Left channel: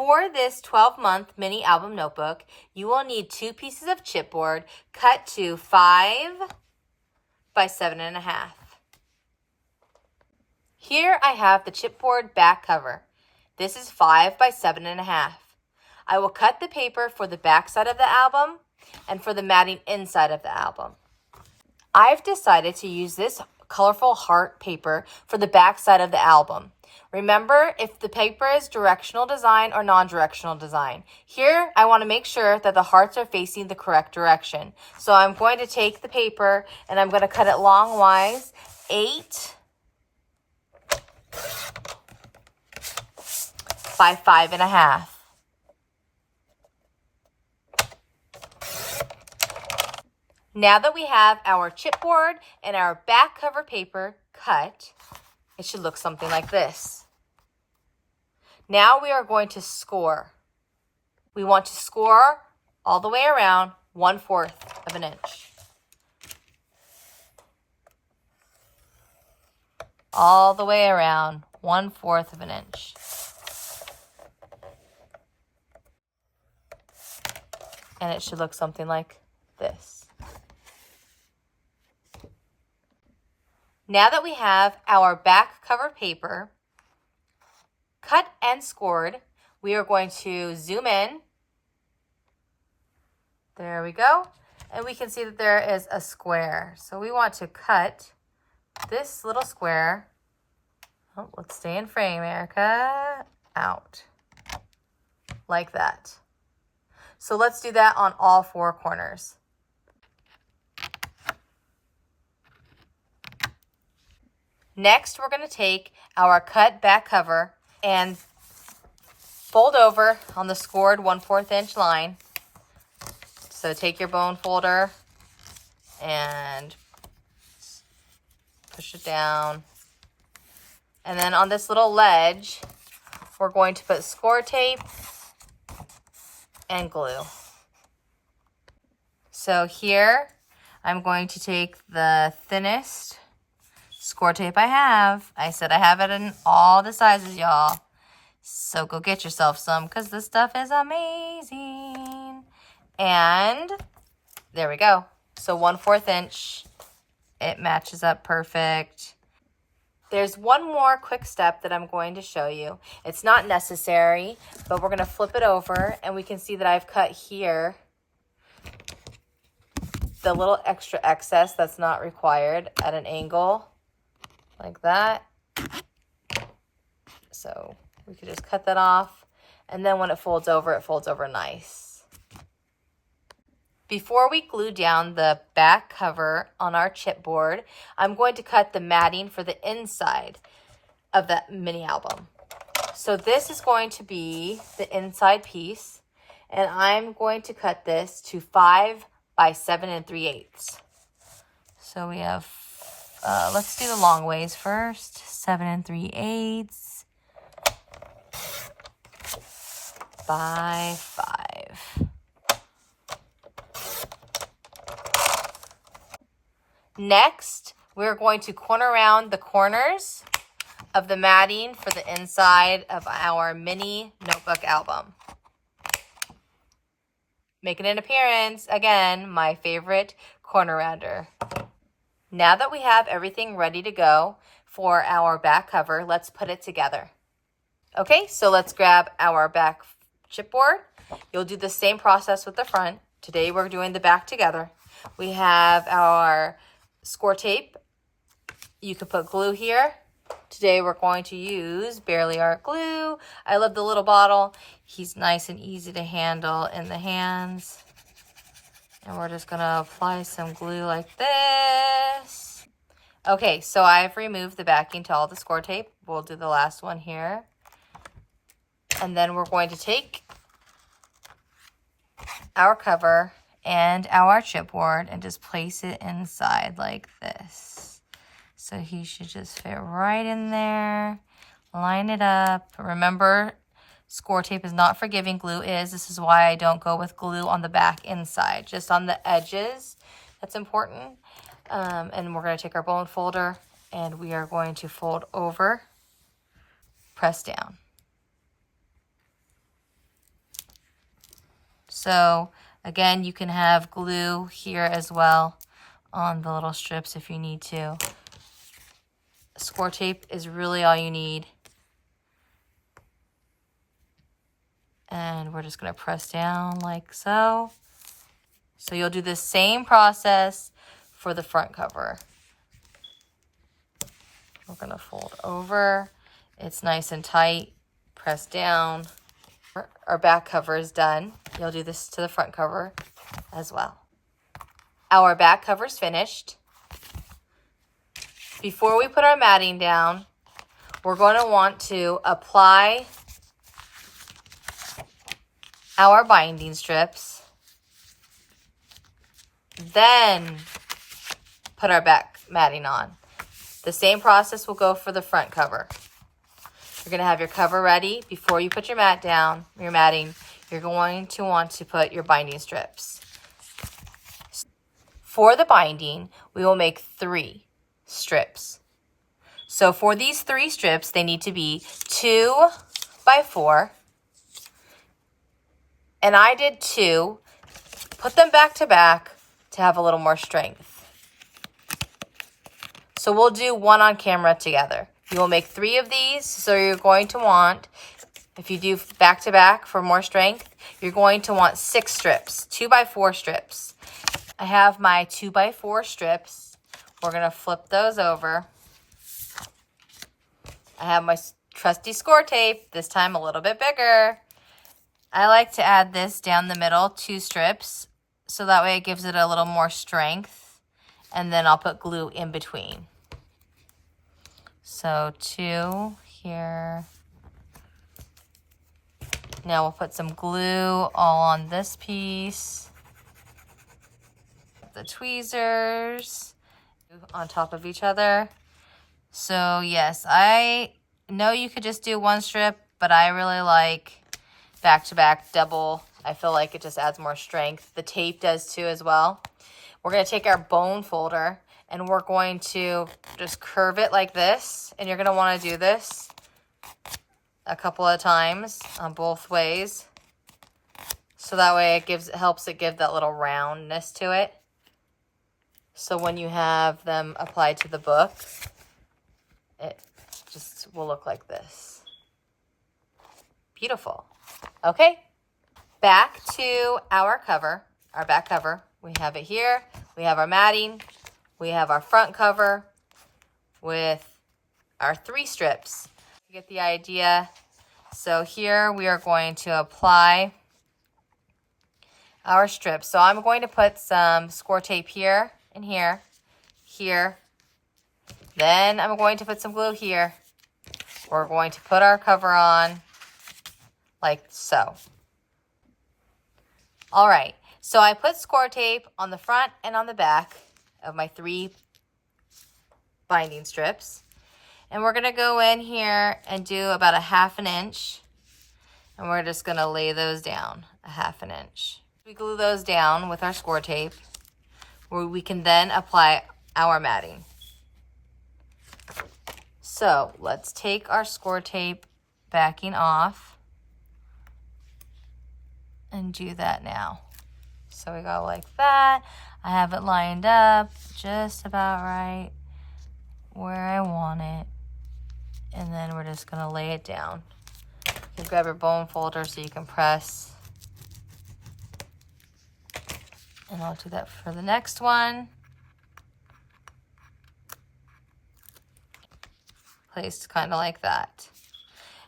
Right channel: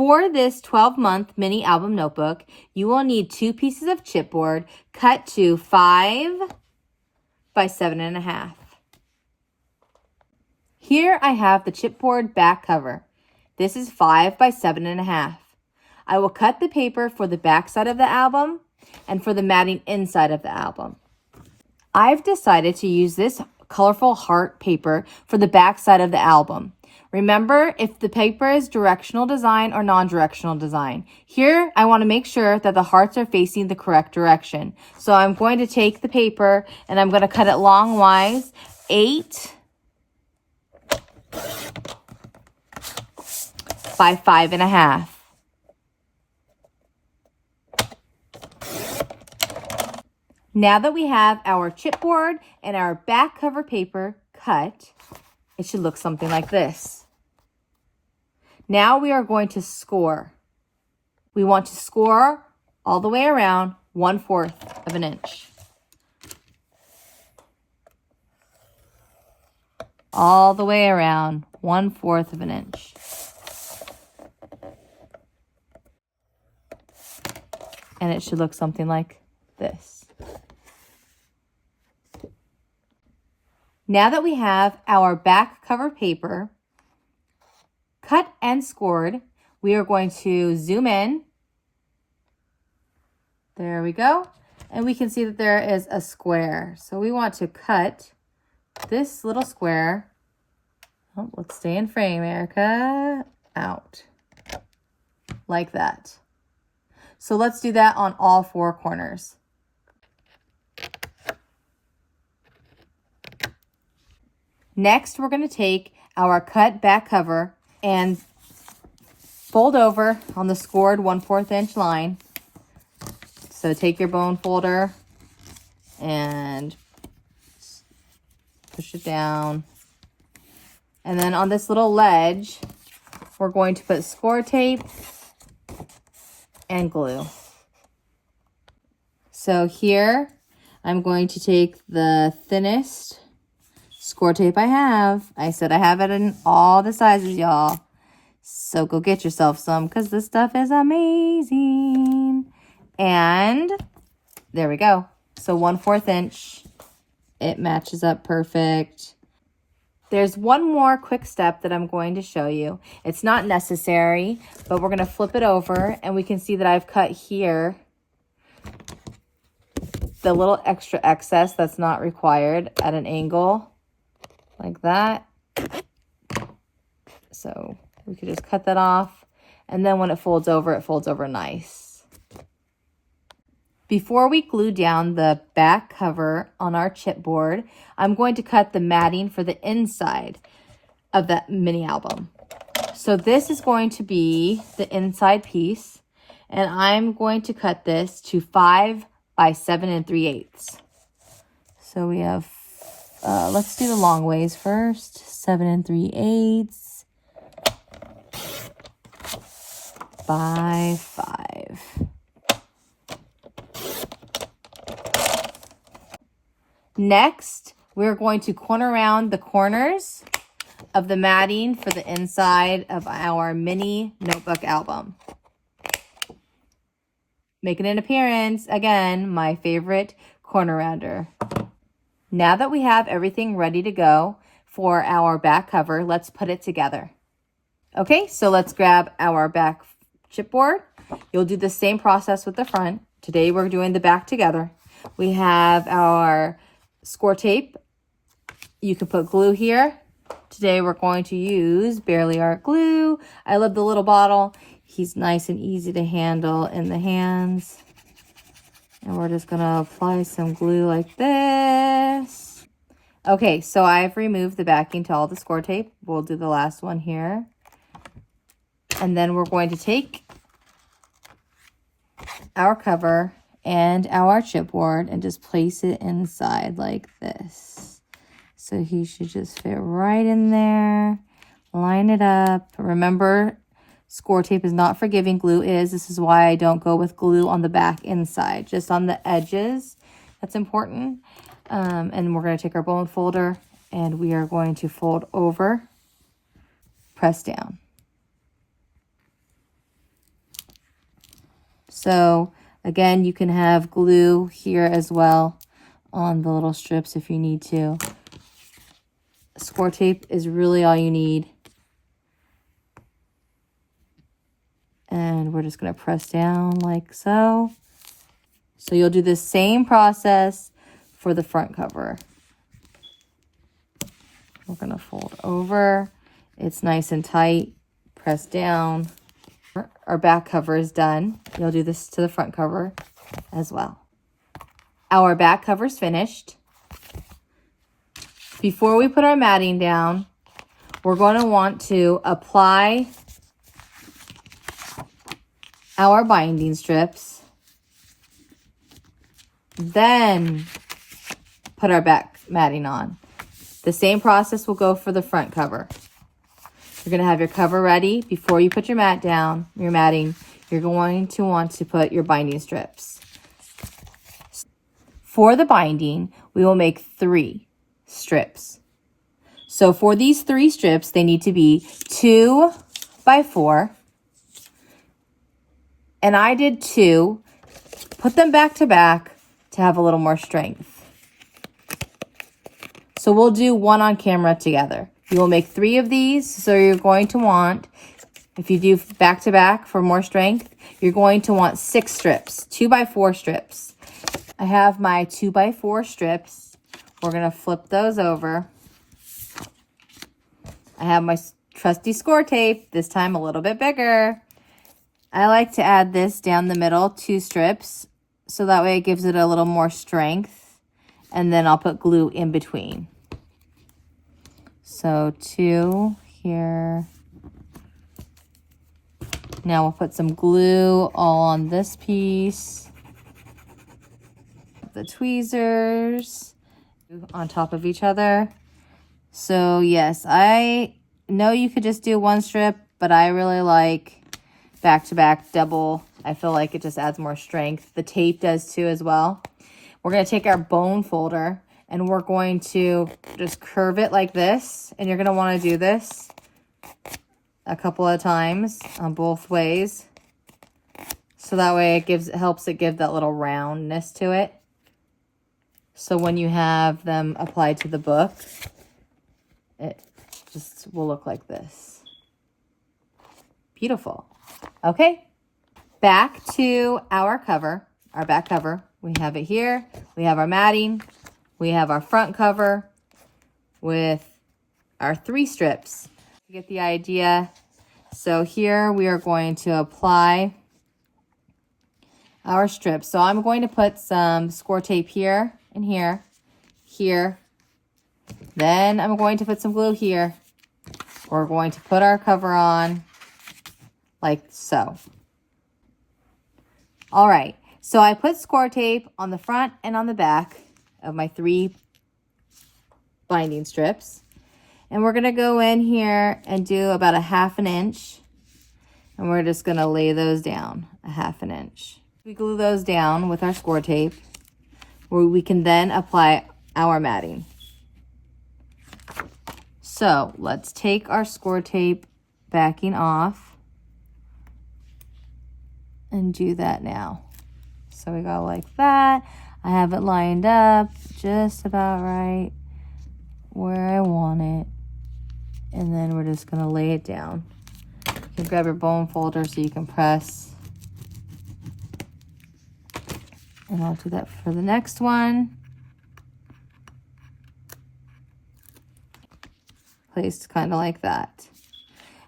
For this 12-month mini album notebook, you will need 2 pieces of chipboard cut to 5 by 7.5. Here I have the chipboard back cover. This is 5 by 7.5. I will cut the paper for the back side of the album and for the matting inside of the album. I've decided to use this colorful heart paper for the back side of the album. Remember, if the paper is directional design or non-directional design. Here, I want to make sure that the hearts are facing the correct direction. So I'm going to take the paper and I'm going to cut it longwise, 8 by 5.5. Now that we have our chipboard and our back cover paper cut, it should look something like this. Now we are going to score. We want to score all the way around 1/4 of an inch. All the way around 1/4 of an inch. And it should look something like this. Now that we have our back cover paper cut and scored, we are going to zoom in. There we go. And we can see that there is a square. So we want to cut this little square. Oh, let's stay in frame, Erica. Out. Like that. So let's do that on all 4 corners. Next, we're going to take our cut back cover and fold over on the scored 1/4 inch line. So take your bone folder and push it down. And then on this little ledge, we're going to put score tape and glue. So here, I'm going to take the thinnest score tape I have. I said I have it in all the sizes, y'all. So go get yourself some because this stuff is amazing. And there we go. So 1/4 inch. It matches up perfect. There's one more quick step that I'm going to show you. It's not necessary, but we're going to flip it over and we can see that I've cut here the little extra excess that's not required at an angle. Like that. So we could just cut that off. And then when it folds over nice. Before we glue down the back cover on our chipboard, I'm going to cut the matting for the inside of that mini album. So this is going to be the inside piece. And I'm going to cut this to 5 by 7 3/8. So we have let's do the long ways first. 7 3/8 by 5. Next, we're going to corner around the corners of the matting for the inside of our mini notebook album. Making an appearance, again, my favorite corner rounder. Now that we have everything ready to go for our back cover, let's put it together. Okay, so let's grab our back chipboard. You'll do the same process with the front. Today we're doing the back together. We have our score tape. You can put glue here. Today we're going to use Barely Art glue. I love the little bottle. He's nice and easy to handle in the hands. And we're just going to apply some glue like this. Okay, so I've removed the backing to all the score tape. We'll do the last one here. And then we're going to take our cover and our chipboard and just place it inside like this. So he should just fit right in there. Line it up. Remember, score tape is not forgiving, glue is. This is why I don't go with glue on the back inside, just on the edges. That's important. And we're going to take our bone folder and we are going to fold over, press down. So again, you can have glue here as well on the little strips if you need to. Score tape is really all you need. And we're just going to press down like so. So you'll do the same process for the front cover. We're going to fold over. It's nice and tight. Press down. Our back cover is done. You'll do this to the front cover as well. Our back cover is finished. Before we put our matting down, we're going to want to apply our binding strips, then put our back matting on. The same process will go for the front cover. You're going to have your cover ready. Before you put your mat down, your matting, you're going to want to put your binding strips. For the binding, we will make 3 strips. So for these 3 strips, they need to be 2 by 4. And I did 2. Put them back to back to have a little more strength. So we'll do 1 on camera together. You will make 3 of these. So you're going to want, if you do back to back for more strength, you're going to want 6 strips, 2 by 4 strips. I have my 2 by 4 strips. We're going to flip those over. I have my trusty score tape, this time a little bit bigger. I like to add this down the middle, 2 strips, so that way it gives it a little more strength. And then I'll put glue in between. So 2 here. Now we'll put some glue all on this piece. The tweezers on top of each other. So yes, I know you could just do 1 strip, but I really like back to back double. I feel like it just adds more strength. The tape does too as well. We're going to take our bone folder and we're going to just curve it like this. And you're going to want to do this a couple of times on both ways. So that way it helps it give that little roundness to it. So when you have them applied to the book, it just will look like this. Beautiful. Okay, back to our cover, our back cover. We have it here. We have our matting. We have our front cover with our 3 strips. You get the idea. So here we are going to apply our strips. So I'm going to put some score tape here and here, here. Then I'm going to put some glue here. We're going to put our cover on like so. All right, so I put score tape on the front and on the back of my 3 binding strips. And we're gonna go in here and do about a 1/2 inch. And we're just gonna lay those down a 1/2 inch. We glue those down with our score tape, where we can then apply our matting. So let's take our score tape backing off and do that now. So we go like that. I have it lined up just about right where I want it. And then we're just gonna lay it down. You can grab your bone folder so you can press. And I'll do that for the next one. Placed kind of like that.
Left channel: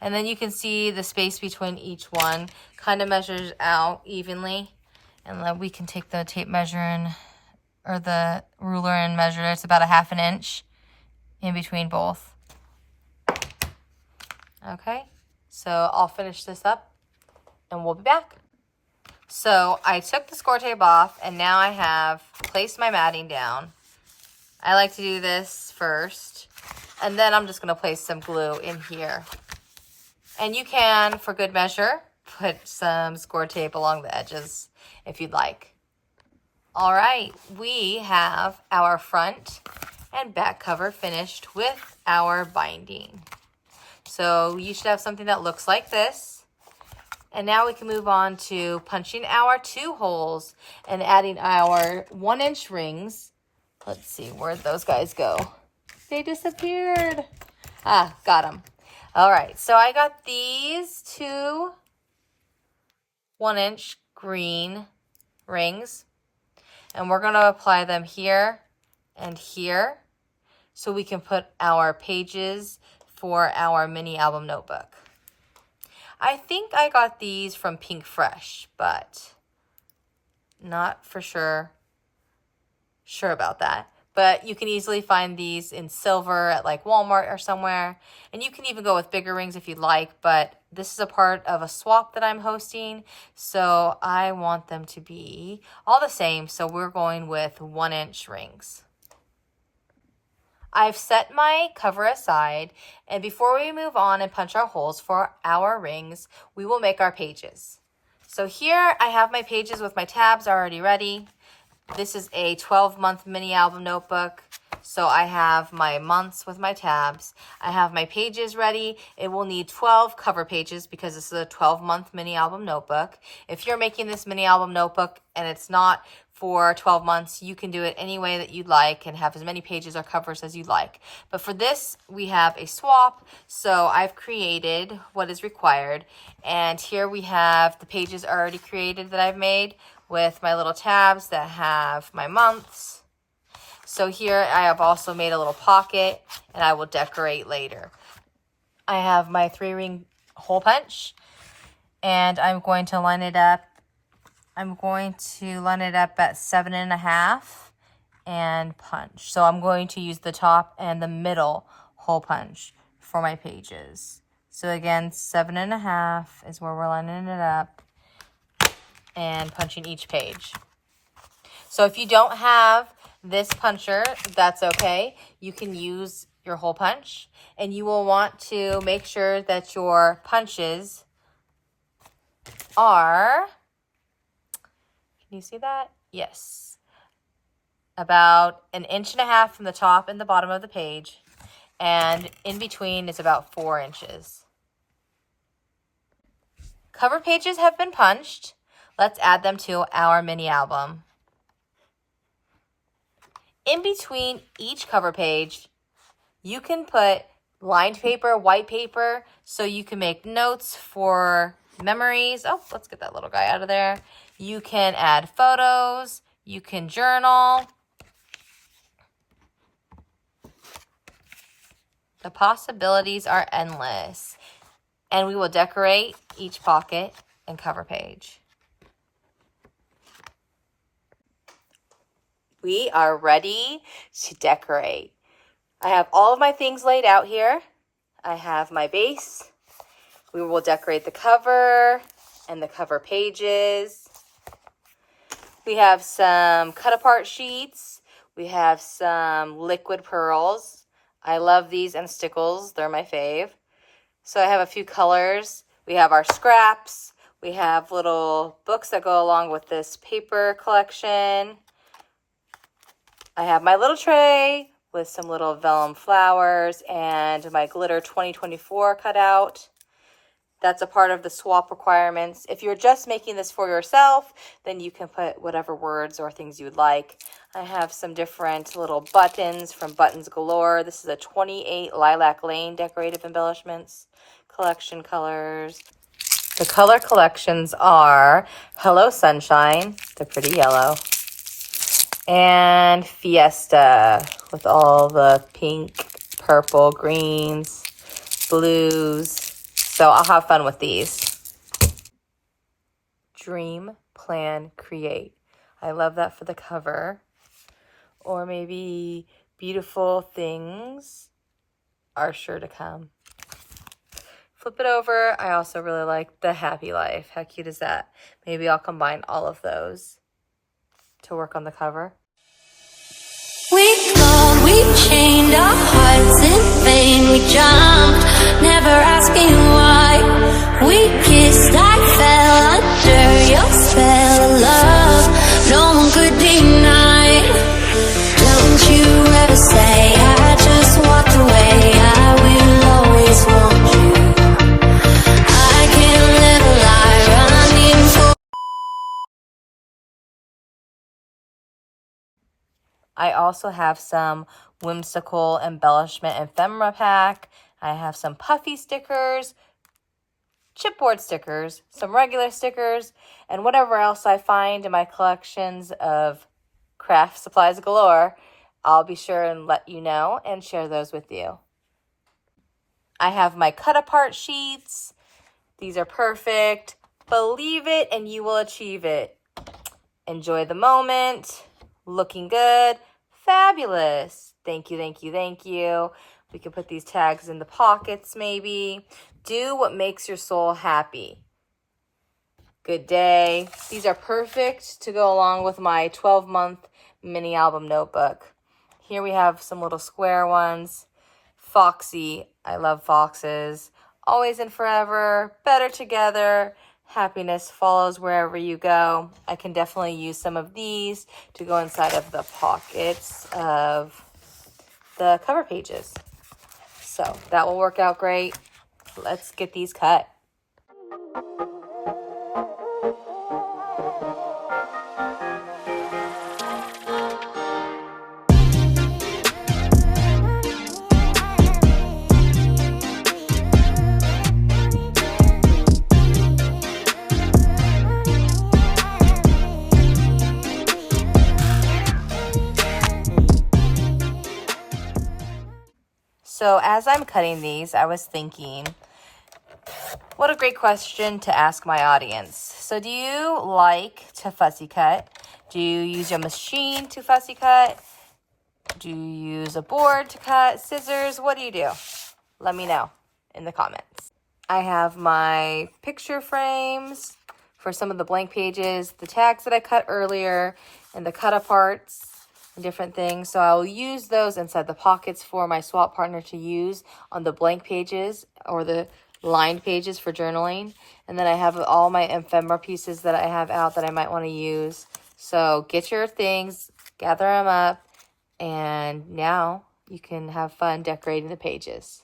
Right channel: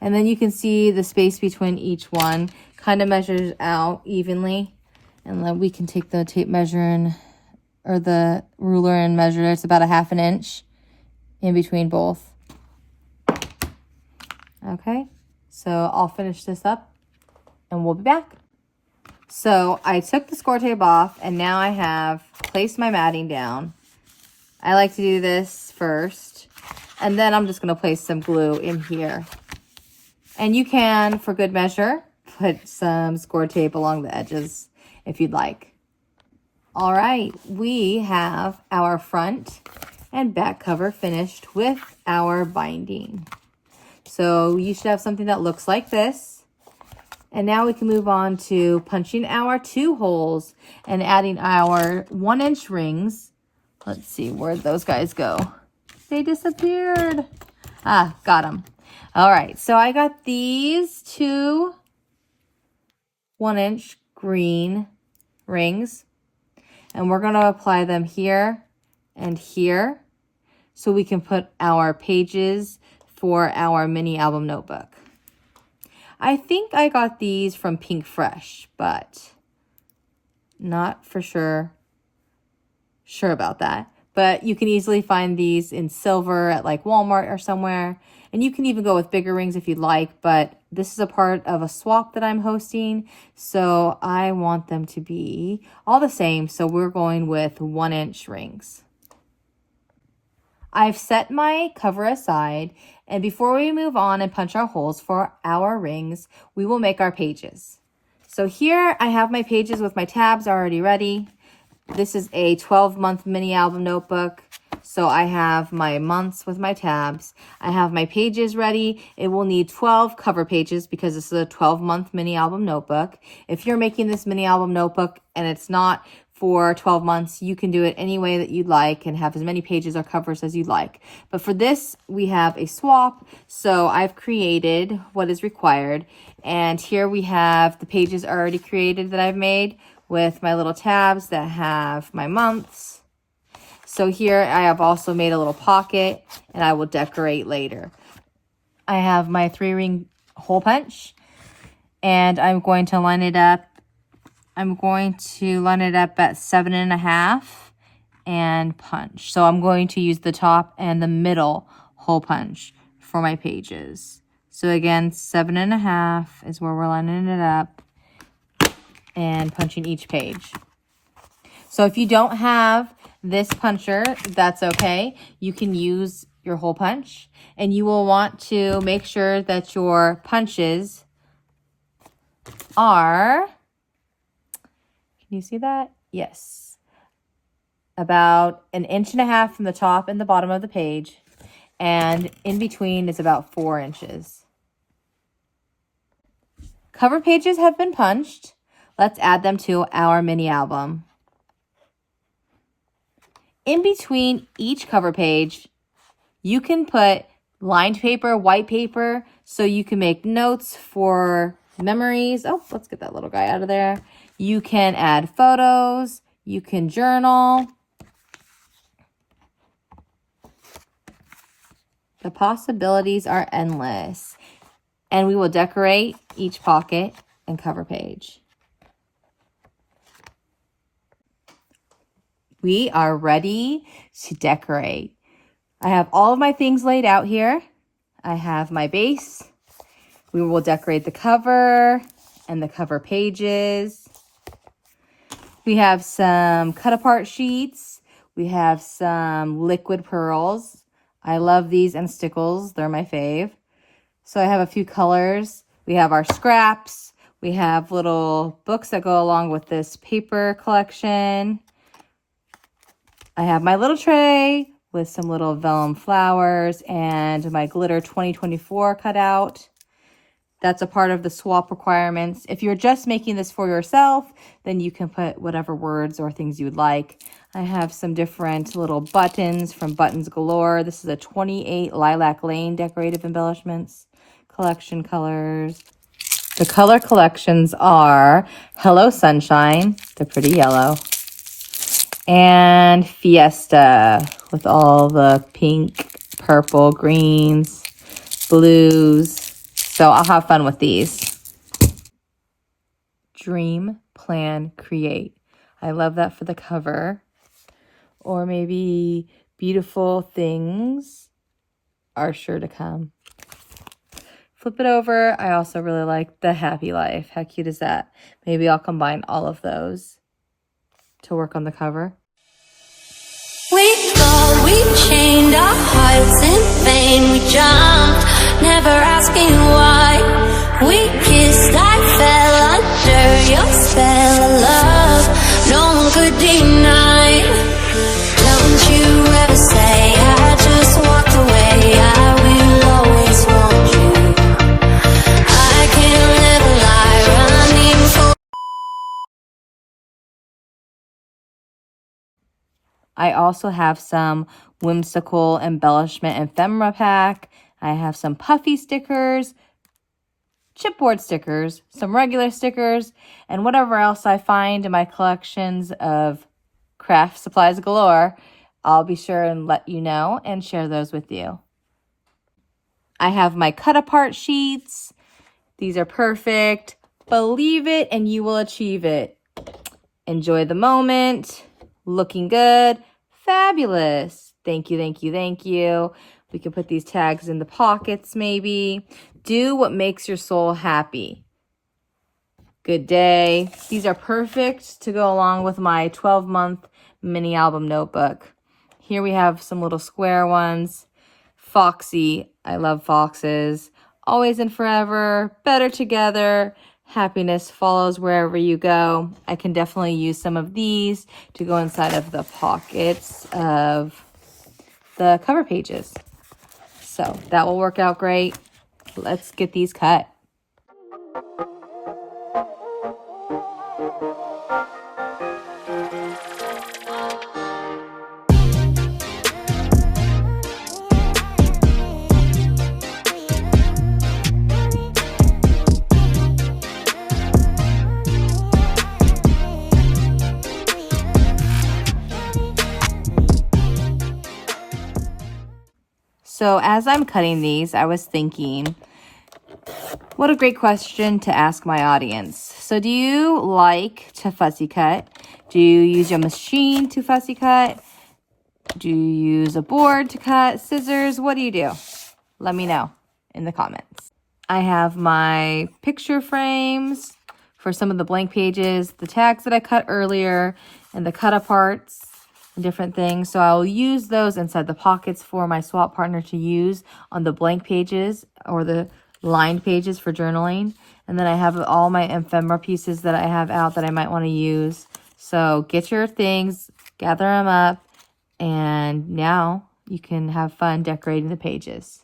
And then you can see the space between each one kind of measures out evenly. And then we can take the tape measure and, or the ruler and measure. It's about a 1/2 inch in between both. Okay, so I'll finish this up and we'll be back. So I took the score tape off and now I have placed my matting down. I like to do this first and then I'm just going to place some glue in here. And you can, for good measure, put some score tape along the edges if you'd like. All right, we have our front and back cover finished with our binding. So you should have something that looks like this. And now we can move on to punching our 2 holes and adding our 1-inch rings. Let's see, where'd those guys go? They disappeared. Ah, got them. All right, so I got these 2 1-inch green rings, and we're gonna apply them here and here so we can put our pages for our mini album notebook. I think I got these from Pink Fresh, but not for sure about that. But you can easily find these in silver at like Walmart or somewhere. And you can even go with bigger rings if you'd like, but this is a part of a swap that I'm hosting, so I want them to be all the same, so we're going with 1-inch rings. I've set my cover aside, and before we move on and punch our holes for our rings, we will make our pages. So here I have my pages with my tabs already ready. This is a 12-month mini album notebook, so I have my months with my tabs. I have my pages ready. It will need 12 cover pages because this is a 12-month mini album notebook. If you're making this mini album notebook and it's not for 12 months, you can do it any way that you'd like and have as many pages or covers as you'd like. But for this, we have a swap, so I've created what is required. And here we have the pages already created that I've made with my little tabs that have my months. So here I have also made a little pocket, and I will decorate later. I have my 3-ring hole punch, and I'm going to line it up. I'm going to line it up at 7.5 and punch. So I'm going to use the top and the middle hole punch for my pages. So again, 7.5 is where we're lining it up and punching each page. So if you don't have this puncher, that's okay. You can use your hole punch, and you will want to make sure that your punches are, can you see that? Yes. About 1.5 inches from the top and the bottom of the page, and in between is about 4 inches. Cover pages have been punched. Let's add them to our mini album. In between each cover page, you can put lined paper, white paper, so you can make notes for memories. Oh, let's get that little guy out of there. You can add photos. You can journal. The possibilities are endless. And we will decorate each pocket and cover page. We are ready to decorate. I have all of my things laid out here. I have my base. We will decorate the cover and the cover pages. We have some cut apart sheets. We have some liquid pearls. I love these and stickles. They're my fave. So I have a few colors. We have our scraps. We have little books that go along with this paper collection. I have my little tray with some little vellum flowers and my glitter 2024 cutout. That's a part of the swap requirements. If you're just making this for yourself, then you can put whatever words or things you would like. I have some different little buttons from Buttons Galore. This is a 28 Lilac Lane decorative embellishments collection colors. The color collections are Hello Sunshine, the pretty yellow, and Fiesta with all the pink, purple, greens, blues. So I'll have fun with these. Dream, plan, create. I love that for the cover. Or maybe beautiful things are sure to come. Flip it over. I also really like the happy life. How cute is that? Maybe I'll combine all of those to work on the cover. We thought we chained our hearts in vain. We jumped, never asking why. We kissed, I fell under your spell of love. No one could deny. Don't you ever say I just walked away. I will always want you. I can't live a lie. I also have some whimsical embellishment ephemera pack. I have some puffy stickers, chipboard stickers, some regular stickers, and whatever else I find in my collections of craft supplies galore. I'll be sure and let you know and share those with you. I have my cut apart sheets. These are perfect. Believe it and you will achieve it. Enjoy the moment. Looking good. Fabulous. Thank you, thank you, thank you. We can put these tags in the pockets maybe. Do what makes your soul happy. Good day. These are perfect to go along with my 12-month mini album notebook. Here we have some little square ones. Foxy. I love foxes. Always and forever. Better together. Happiness follows wherever you go. I can definitely use some of these to go inside of the pockets of the cover pages. So that will work out great. Let's get these cut. So as I'm cutting these, I was thinking, what a great question to ask my audience. So do you like to fussy cut? Do you use your machine to fussy cut? Do you use a board to cut? Scissors? What do you do? Let me know in the comments. I have my picture frames for some of the blank pages, the tags that I cut earlier, and the cut aparts. Different things, so I'll use those inside the pockets for my swap partner to use on the blank pages or the lined pages for journaling. And then I have all my ephemera pieces that I have out that I might want to use. So get your things, gather them up, and now you can have fun decorating the pages.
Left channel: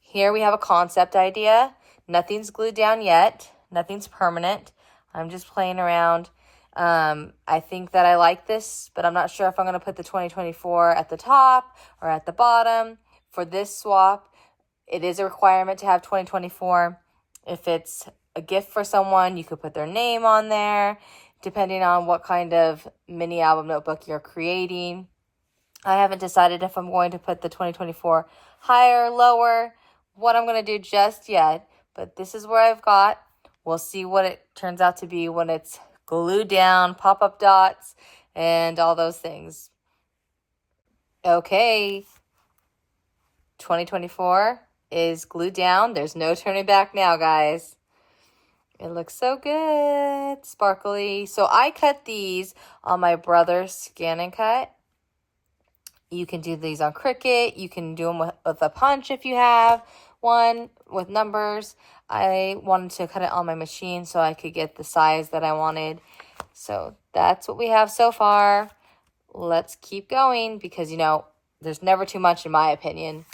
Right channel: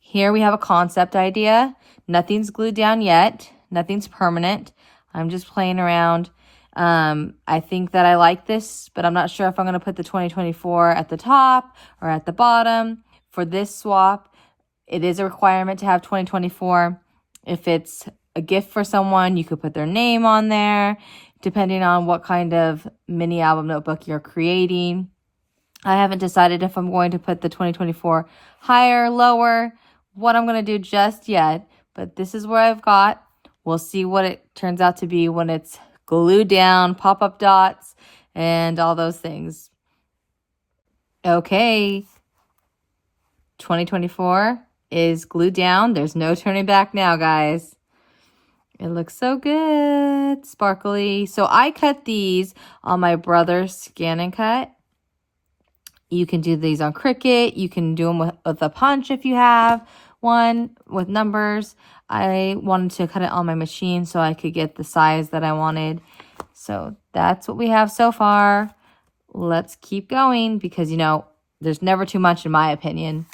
Here we have a concept idea. Nothing's glued down yet, nothing's permanent. I'm just playing around. I think that I like this, but I'm not sure if I'm going to put the 2024 at the top or at the bottom. For this swap, it is a requirement to have 2024. If it's a gift for someone, you could put their name on there, depending on what kind of mini album notebook you're creating. I haven't decided if I'm going to put the 2024 higher, lower, what I'm going to do just yet, but this is where I've got. We'll see what it turns out to be when it's glued down, pop-up dots, and all those things. Okay, 2024 is glued down. There's no turning back now, guys. It looks so good, sparkly. So I cut these on my brother's Scan and Cut. You can do these on Cricut. You can do them with a punch if you have one with numbers. I wanted to cut it on my machine so I could get the size that I wanted. So that's what we have so far. Let's keep going because, you know, there's never too much in my opinion.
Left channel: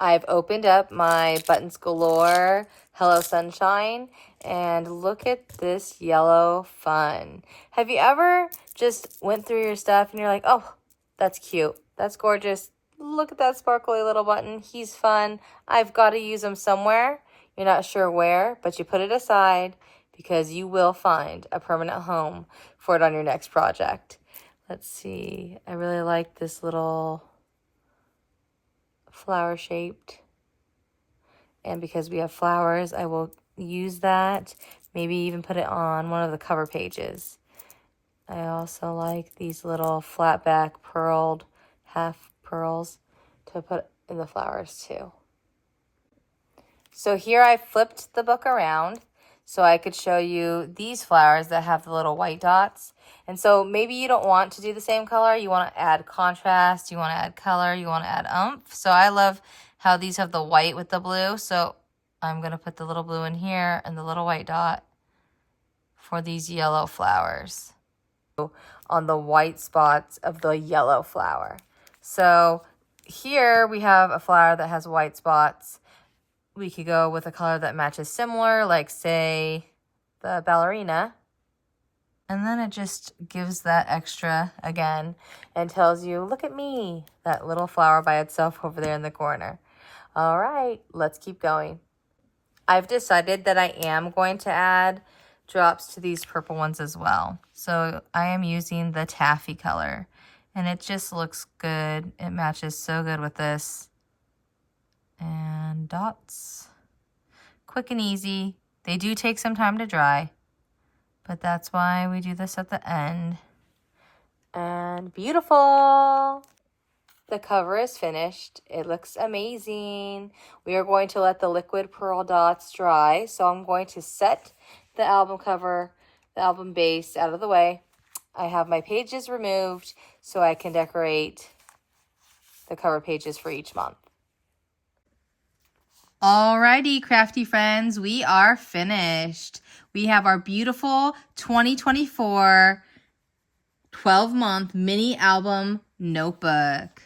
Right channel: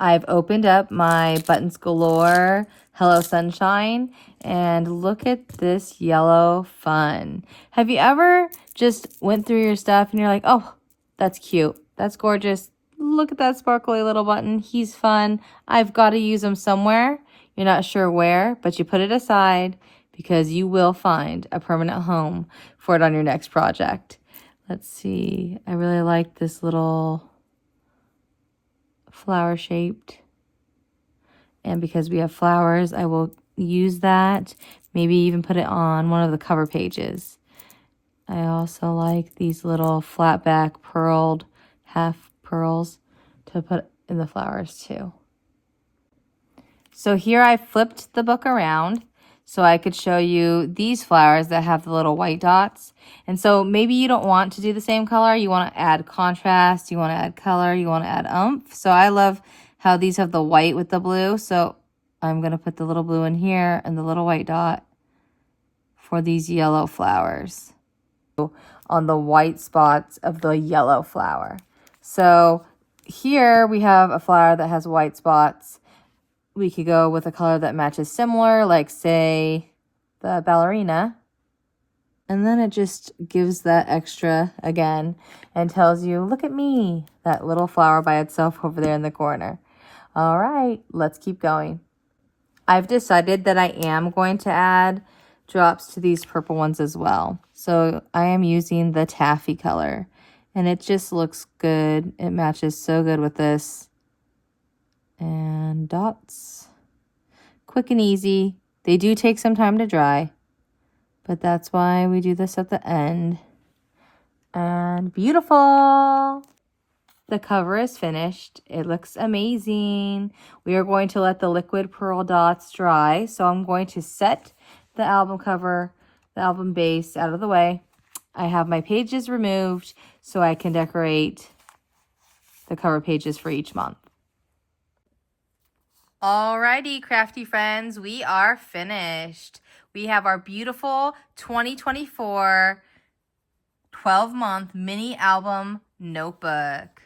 I've opened up my Buttons Galore Hello Sunshine and look at this yellow fun. Have you ever just went through your stuff and you're like, oh, that's cute. That's gorgeous. Look at that sparkly little button. He's fun. I've got to use him somewhere. You're not sure where, but you put it aside because you will find a permanent home for it on your next project. Let's see. I really like this little flower shaped. And because we have flowers, I will use that. Maybe even put it on one of the cover pages. I also like these little flat back pearled half pearls to put in the flowers too. So here I flipped the book around so I could show you these flowers that have the little white dots. And so maybe you don't want to do the same color. You want to add contrast, you want to add color, you want to add oomph. So I love how these have the white with the blue. So I'm going to put the little blue in here and the little white dot for these yellow flowers on the white spots of the yellow flower. So here we have a flower that has white spots. We could go with a color that matches similar, like say the ballerina. And then it just gives that extra again and tells you, look at me, that little flower by itself over there in the corner. All right, let's keep going. I've decided that I am going to add drops to these purple ones as well. So I am using the taffy color and it just looks good. It matches so good with this. And dots, quick and easy. They do take some time to dry, but that's why we do this at the end. And beautiful. The cover is finished. It looks amazing. We are going to let the liquid pearl dots dry. So I'm going to set the album cover, the album base out of the way. I have my pages removed so I can decorate the cover pages for each month. Alrighty, crafty friends, we are finished. We have our beautiful 2024 12-month mini album notebook.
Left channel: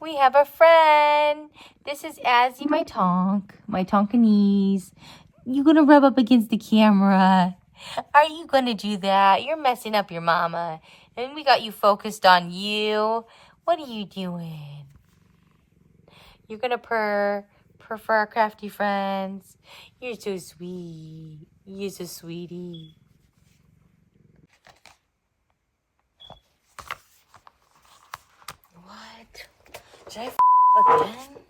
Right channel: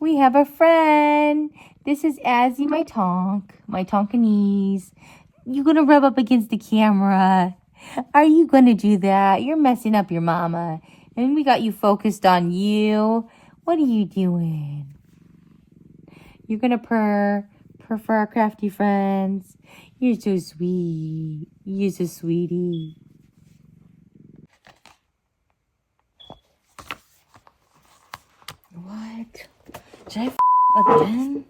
We have a friend. This is Azzy, my Tonkinese. You gonna rub up against the camera? Are you gonna do that? You're messing up your mama. And we got you focused on you. What are you doing? You're gonna purr for our crafty friends. You're so sweet. You're so sweetie. What? Did I again?